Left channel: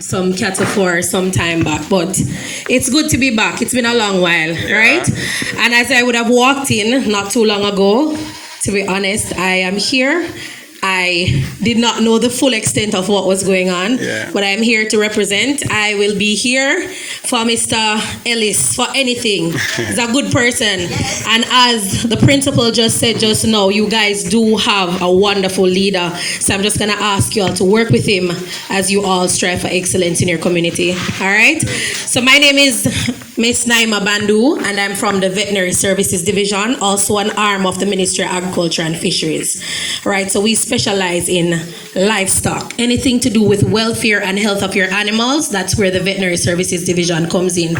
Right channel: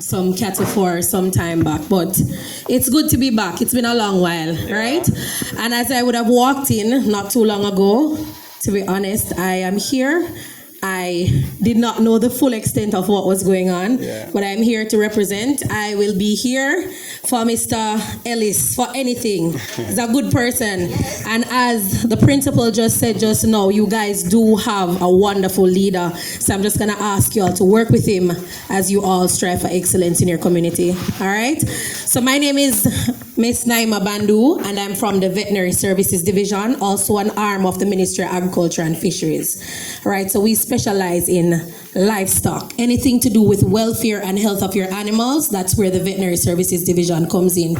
some cattle for some time back, but it's good to be back. It's been a long while, right? And as I would have walked in not too long ago, to be honest, I am here. I did not know the full extent of what was going on, but I'm here to represent. I will be here for Mr. Ellis for anything. He's a good person. And as the principal just said just now, you guys do have a wonderful leader. So I'm just going to ask you all to work with him as you all strive for excellence in your community. All right? So my name is Miss Neema Bandoo, and I'm from the Veterinary Services Division, also an arm of the Ministry of Agriculture and Fisheries. All right, so we specialize in livestock. Anything to do with welfare and health of your animals, that's where the Veterinary Services Division comes in.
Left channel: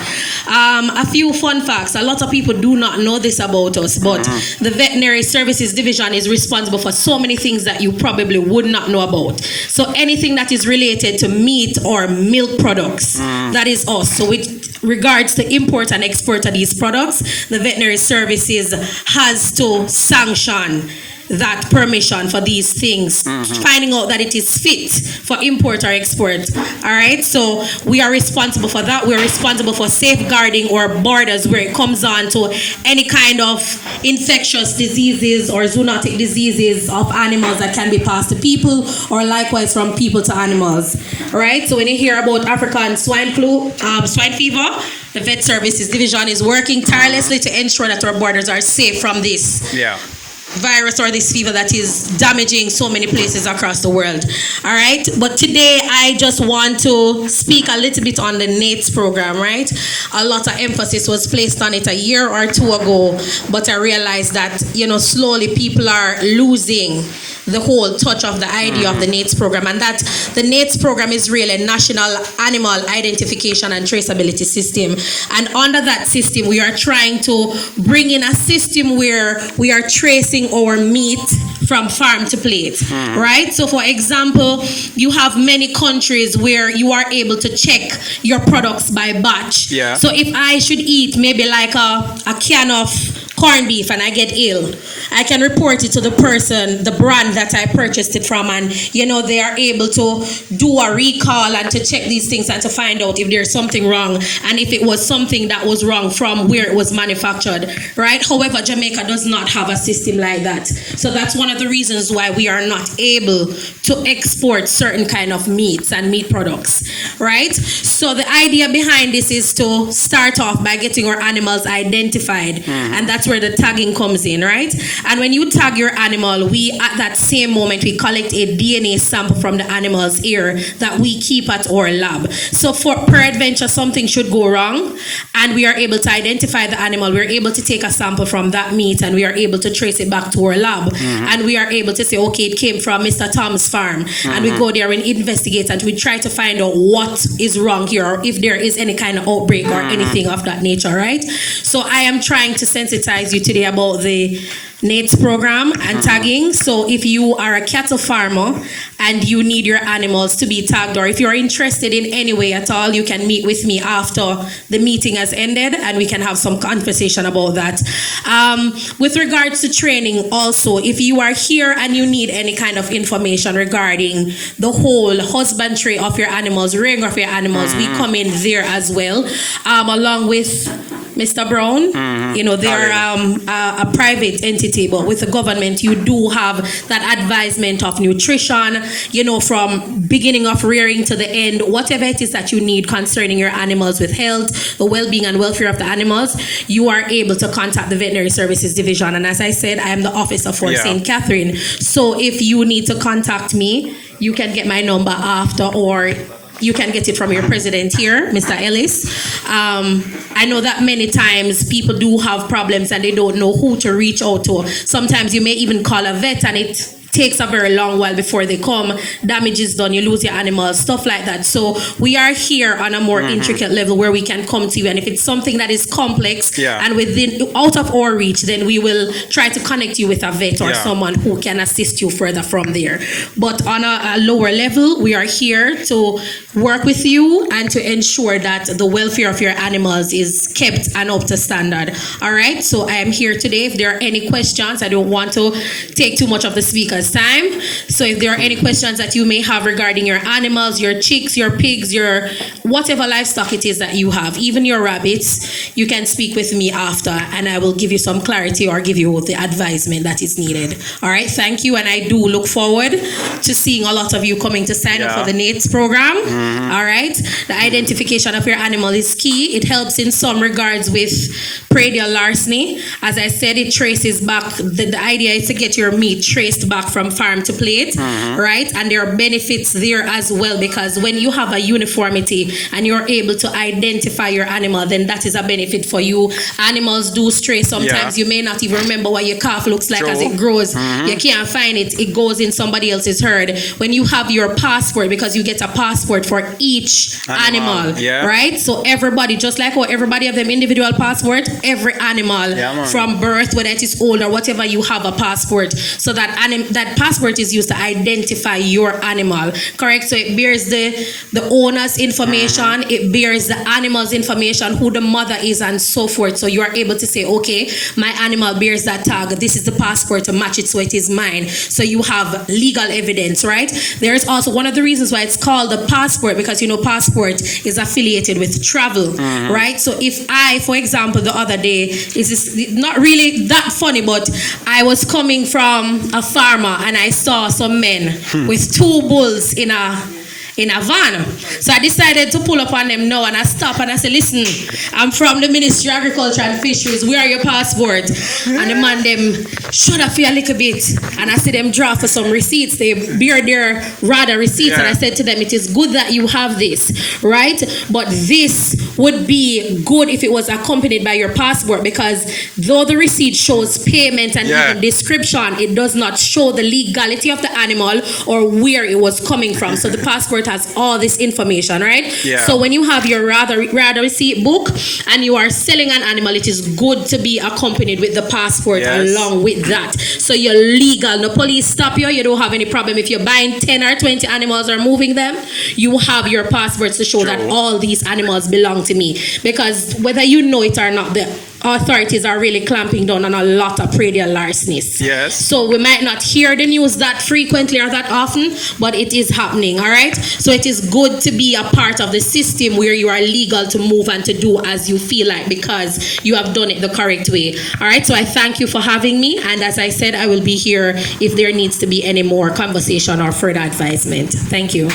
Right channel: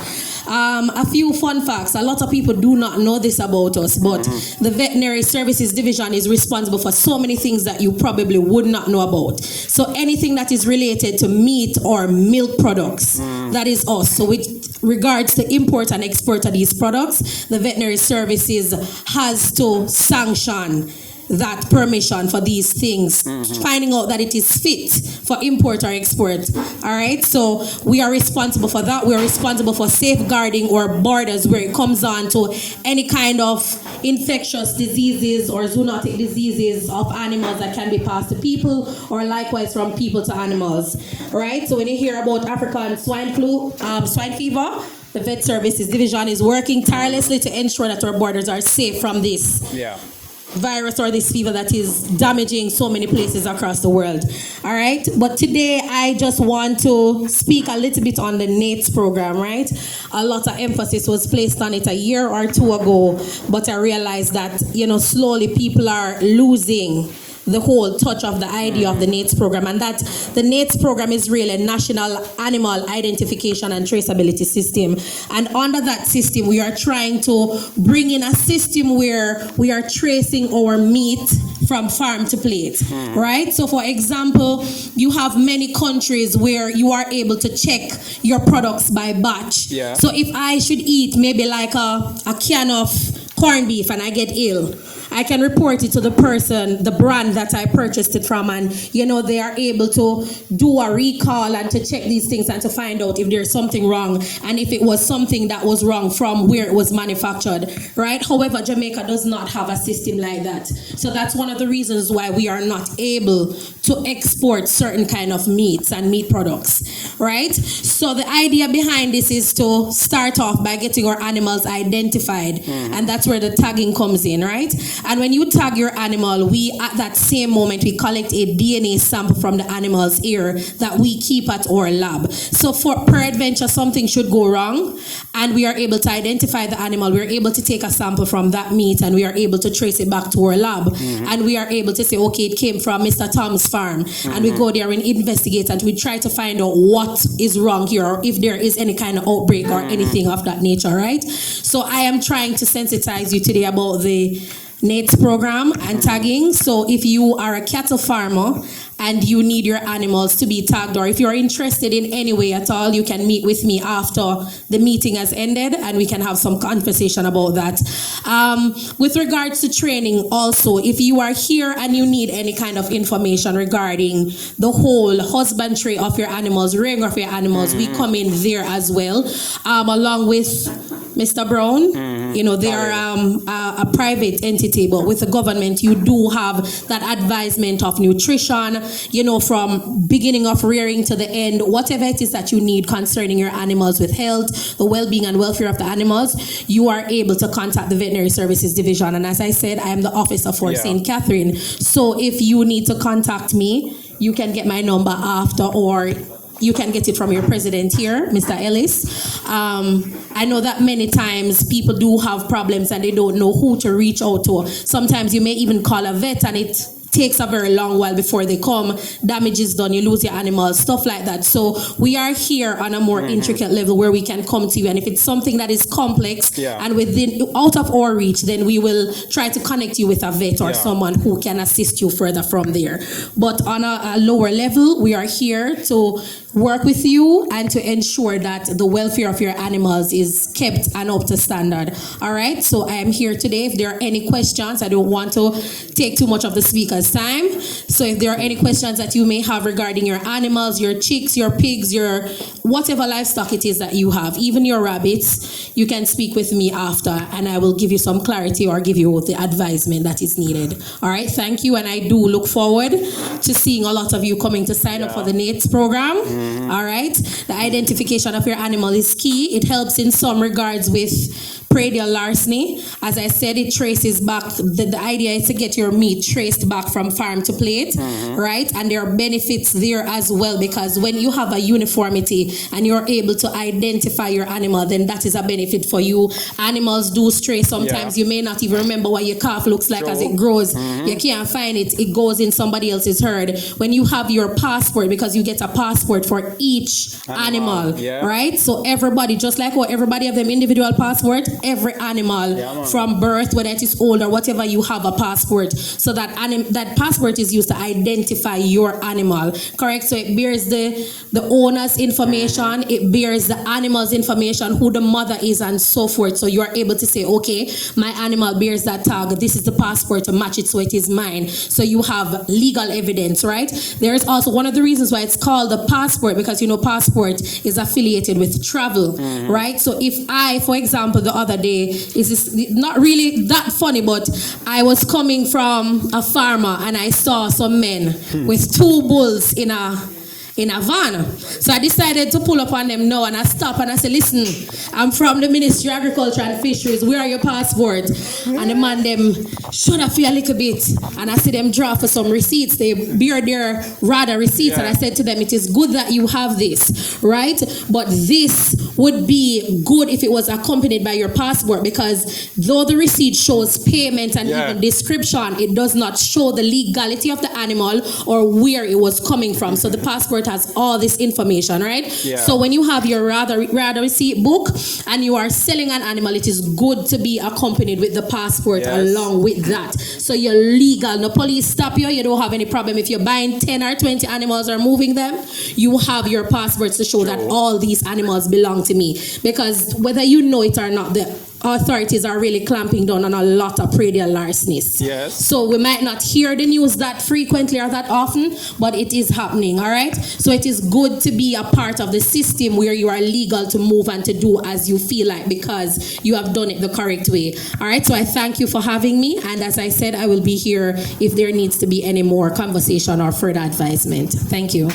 A few fun facts. A lot of people do not know this about us, but the Veterinary Services Division is responsible for so many things that you probably would not know about. So anything that is related to meat or milk products, that is us. So with regards to import and export of these products, the Veterinary Services has to sanction that permission for these things, finding out that it is fit for import or export. All right, so we are responsible for that. We are responsible for safeguarding our borders where it comes on to any kind of infectious diseases or zoonotic diseases of animals that can be passed to people or likewise from people to animals. All right, so when you hear about African swine flu, swine fever, the Vet Services Division is working tirelessly to ensure that our borders are safe from this virus or this fever that is damaging so many places across the world. All right, but today I just want to speak a little bit on the NATES program, right? A lot of emphasis was placed on it a year or two ago, but I realized that, slowly people are losing the whole touch of the idea of the NATES program, and that the NATES program is really a national animal identification and traceability system. And under that system, we are trying to bring in a system where we are tracing our meat from farm to plate, right? So for example, you have many countries where you are able to check your products by batch. So if I should eat maybe like a can of corned beef and I get ill, I can report it to the person, the brand that I purchased it from, and they are able to do a recall and to check these things and to find out if there's something wrong and if it was something that was wrong from where it was manufactured, right? However, Jamaica does not have a system like that. So that's one of the reasons why we are not able to export certain kind of meats and meat products, right? So the idea behind this is to start off by getting our animals identified, and that's where the tagging comes in, right? And when you tag your animal, we at that same moment we collect a DNA sample from the animal's ear that we keep at our lab. So for peradventure something should go wrong and we are able to identify the animal, we're able to take a sample from that meat and we are able to trace it back to our lab, and we are able to say, okay, it came from Mr. Tom's farm, and we go there and investigate and we try to find out what is wrong here or if there is any kind of outbreak or anything of that nature, right? So I am trying to sensitize you today about the NATES program and tagging. So if you are a cattle farmer and you need your animals to be tagged, or if you're interested in any way at all, you can meet with me after the meeting has ended and we can have some conversation about that. With regards to training also, if you are here and you need any kind of information regarding the whole husbandry of your animals, rearing of your animals, we come in there as well, along with Mr. Brown. They are a private entity, but with the government, you do have that advisement of nutrition, from beginning of rearing to the end, whatever it is that you need concerning your animals with health, the well-being and welfare of the animals, you are able to contact the Veterinary Services Division. And as I said, I am the officer for St. Catherine. So if you need to contact me, you can get my number after, or you can get it from your president here, Mr. Ellis. I know that many times people do have problems and they don't know who to reach out to. Sometimes you may even call a vet and it takes a very long while before they come. Damage is done, you lose your animals, stuff like that. So we are here on a more intricate level where we can come to you, and if it's something that is complex and out of our reach, then we will try to connect you with a vet or someone who can assist you further from there. But on a lower level, we are here to work with you and to ensure that the welfare of your animals is kept and up to standard. All right, so I am here today. If there are any questions, I don't want to take too much of the speaker's Jamaica's time. So if there are any questions that you may have regarding your animals, your chicks, your pigs, your whatever livestock it is that you have, even your rabbits, you can speak with me after and I will give you some clarity or give you the advisement that is needed. All right, thank you. And I do look forward to seeing a lot of you coming to sign up for the NATES program. All right, the identification of your animal is key. It helps in some regards with predial larceny. As I said, it traces back, the idea is to get your meat traced back from farm to plate, right? And there are benefits there as well, because when you have a uniformity and you're able to identify your animal, then that is a benefit for you. Animals do stray sometimes. You may not even remember what your calf looks like as it grows. You can't find it. It goes in somebody else's herd. When you have your passport, because you get a passport for each animal, right? So everybody, just like how everybody have them individual passport, every animal from birth, whether it is old or whatever, you have a passport. So that that passport is used to identify your animal, correct? So it bears the owner's information, it bears the animal's information, who the mother is, and so forth. So you are able to say, okay, my animal bears that tag, this is the passport to match it, so it is mine. So you have legal evidence, right? There's also one of the reasons why it's called the passport, because you know passport is affiliated with travel, right? So if I, for example, the other day, is not really that funny, but I was coming from a farmer and I saw some men with 2 bulls in a van. So I decided to pull up on them now, and I stopped and I said, listen, I'm from the Ministry of Agriculture and Fisheries, where are your passport? And the man them shut up for a little bit, and I see them draw for some receipts. They bear their rather receipts, and I said to them, it is good that you have this, right? But this would be good if it was accompanied by your passport, because though the receipt shows payment and even description, it does not show the legality of the animal or where it was coming from. So the passport has all this information, right? So when you have your rather receipt book and you are selling an animal, it is good to be accompanied with the passport along with that. So you're legal. No police stop you. You don't have any problem if you're buying 10 or 20 animals or moving them. You have your passports to show that all these animals belong to me. Because whether you know it or not, the authorities are really clamping down on a lot of predial larcenies. So we might not hear the news that frequently or that often, but it is happening, all right? So it is good to be a part of the system where you are legal to move and to do as you feel like, because you have done it the correct way. All right, so I thank you for having me, and as I said, I will be here if there needs to be any more conversation or further advisement. Thank you.